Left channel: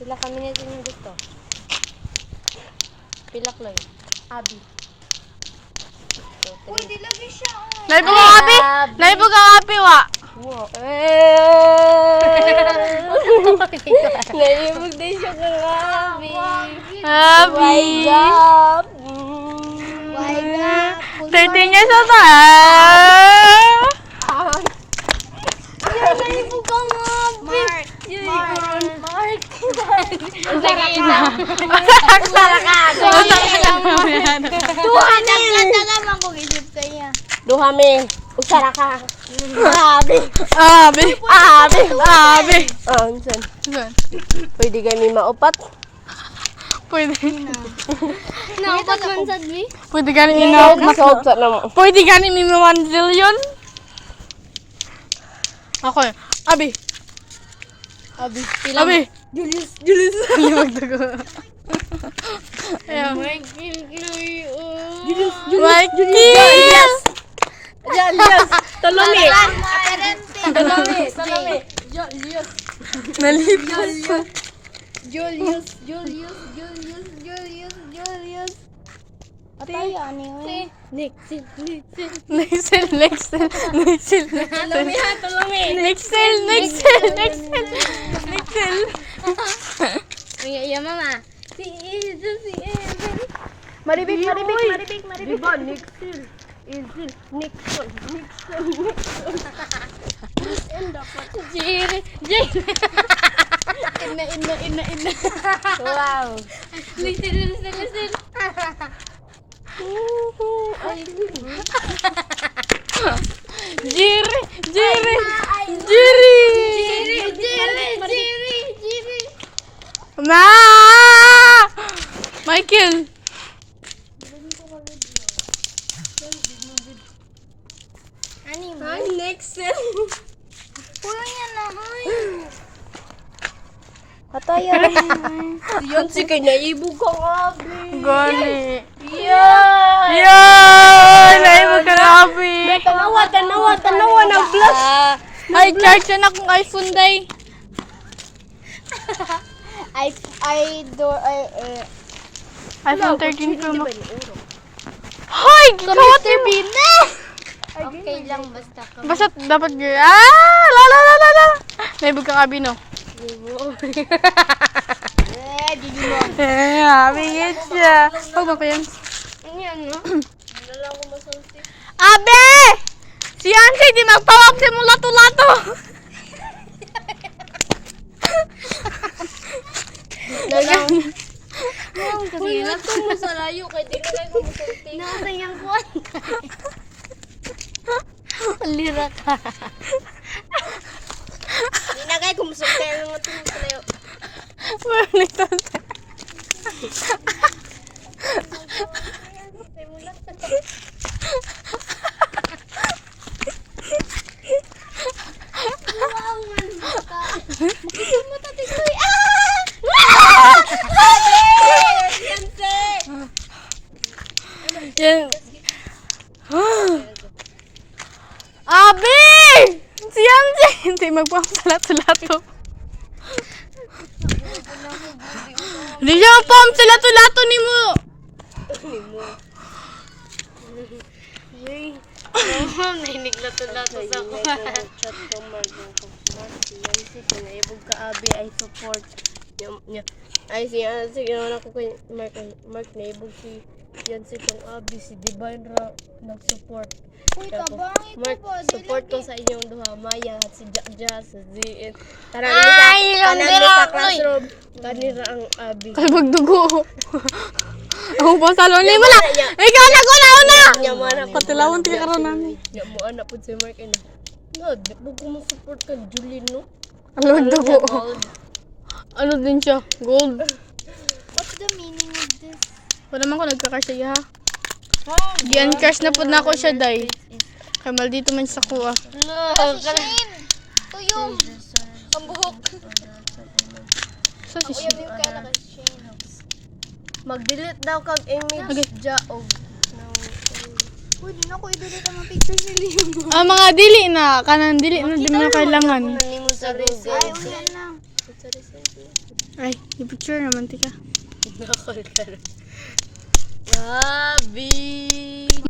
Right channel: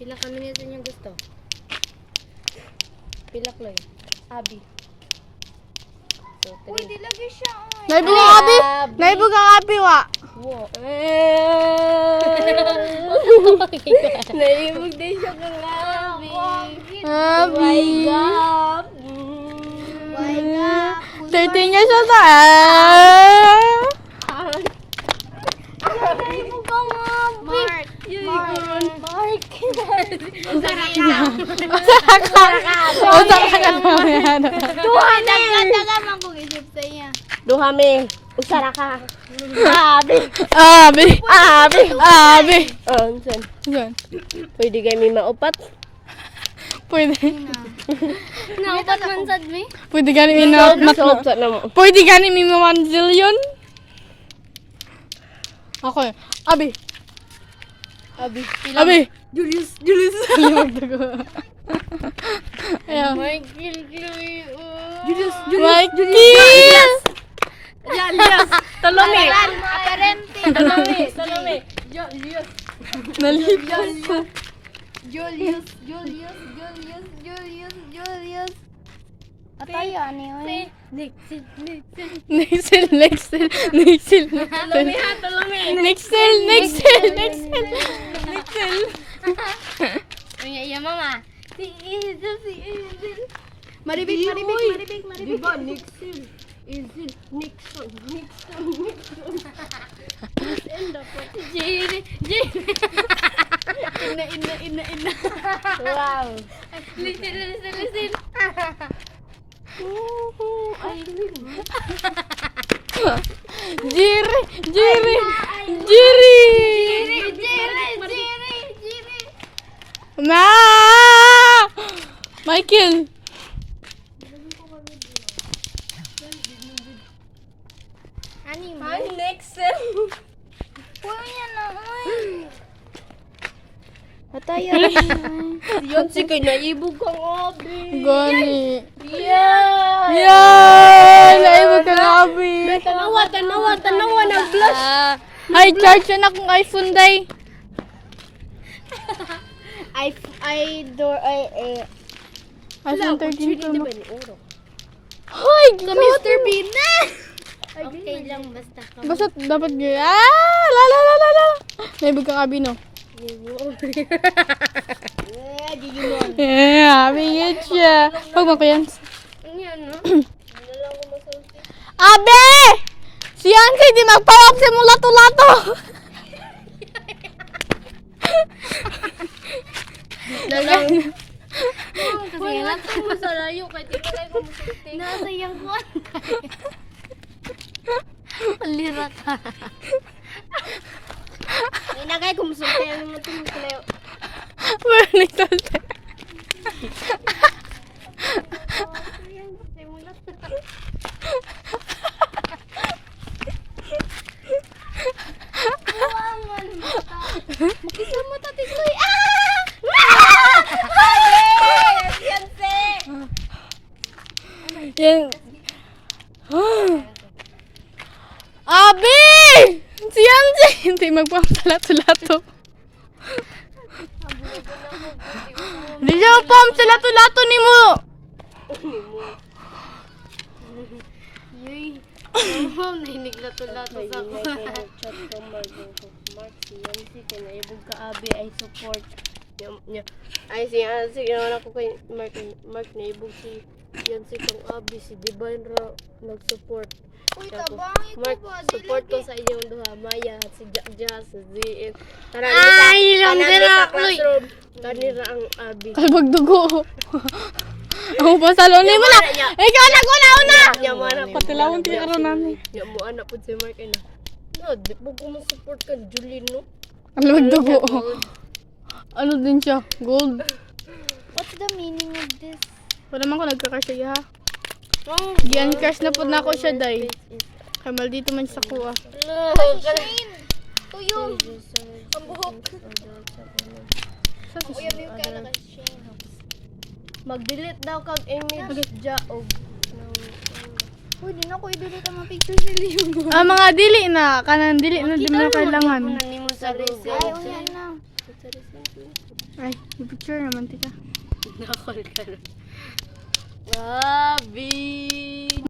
Pila kami nga sa inyo gusto. Pilak lang. Abi. So, Uy, di lagi siya. Naibog ang abi. Naibog ang abi wa. wow. Naibog din siya ng abi. Abi. God. 13 years old na. Naibog ka nga. Mark. Duhami. Usara ka. Abi. Abi. Abi. Abi. Oh, unsan. Gan. Pwede kami maupat. Pwede. Nakapag man sad mi. Pwede ganin Solve sa namo. Pwede ganin ni 1 zillion. Ako. Abi. Abi. Abi. Julius. Ayan. Michael Chloe. Julius. Mikey. Julius. Salome. Aparente. Salome. Nalipas. Julius. Patay ani yun. Nixil. Nixel. Salome ha, Salome. Nixel. Ay, mama. Si Evan. Maribik. Diba, Nixil. Nixil. Jerry. Ina. Wow. Listen. Jerry. Ma! Michael. Ay, Nixil. Puno yan na. Patayan. Yan si kanya ibog kong abi. Gani. Yan. Yan! Naibog ka na, Abi. Tanawa na blush. Ay, charge na akong iPhone, day. iPhone 13 Pro Max. Hoy! Kawat mo. Okay lang basta ka. Basta dapat la. Naibog ka, Abi, no? Digimon. Eh, Abi, yun siya. Huwag mo ko yan. Abe! Si Anke, di magpawag si mo lato-lato. Kasi natin mo sa layo kay tinakay ko musulti. Nasayang ko. Palira ka. Inagay ko musulti ang mga tingin sa layo. Bernito. Makita mo tati soy. Yan. Abi! Si Anse! Hindi magpawag sa lato-lato. Hindi siya magpawag sa lato-lato ni mo. Nainig lato-lato sa kuwan. Chat ko Mark yan si kanya ibog ka abi ay support. Ay si ako kay Mark na ibog si yan si kong abi si Divine ra nag-support. Uy, tabang ito Mark, ba? support ko sa inyong duha, Maya at si Jack, si Zin. Ay, yung sa classroom. Kanira ang abi. Talbog dugo. Ang pasalo ni mo na. Ikaw na ko na una. Nyamana po. Patilawon ti karon nani. Mo anak po si Mark na. No, di po ko support ka Julien no. Talbog dugo. Ano din siya? Gold. What's the meaning of this? Wala man ko nagkakasya ha. Diyan cash na po na ako siya, day. Kaya mal dito man sa kuha. Kasi Shane! Tuyong! Ang buhok! Sa si Kuya Bill ka na kasi Shane. Mag-delete daw kag image ja og Pwede na ko i-delete ang mga pictures ni Leon. Ah, mga dili na. Kanang dili na di mo na kailangan. nimo sa Ay, resume. uyan na. Sa resume. Ay, i-picture naman tika. Nakol ka lang. Abi!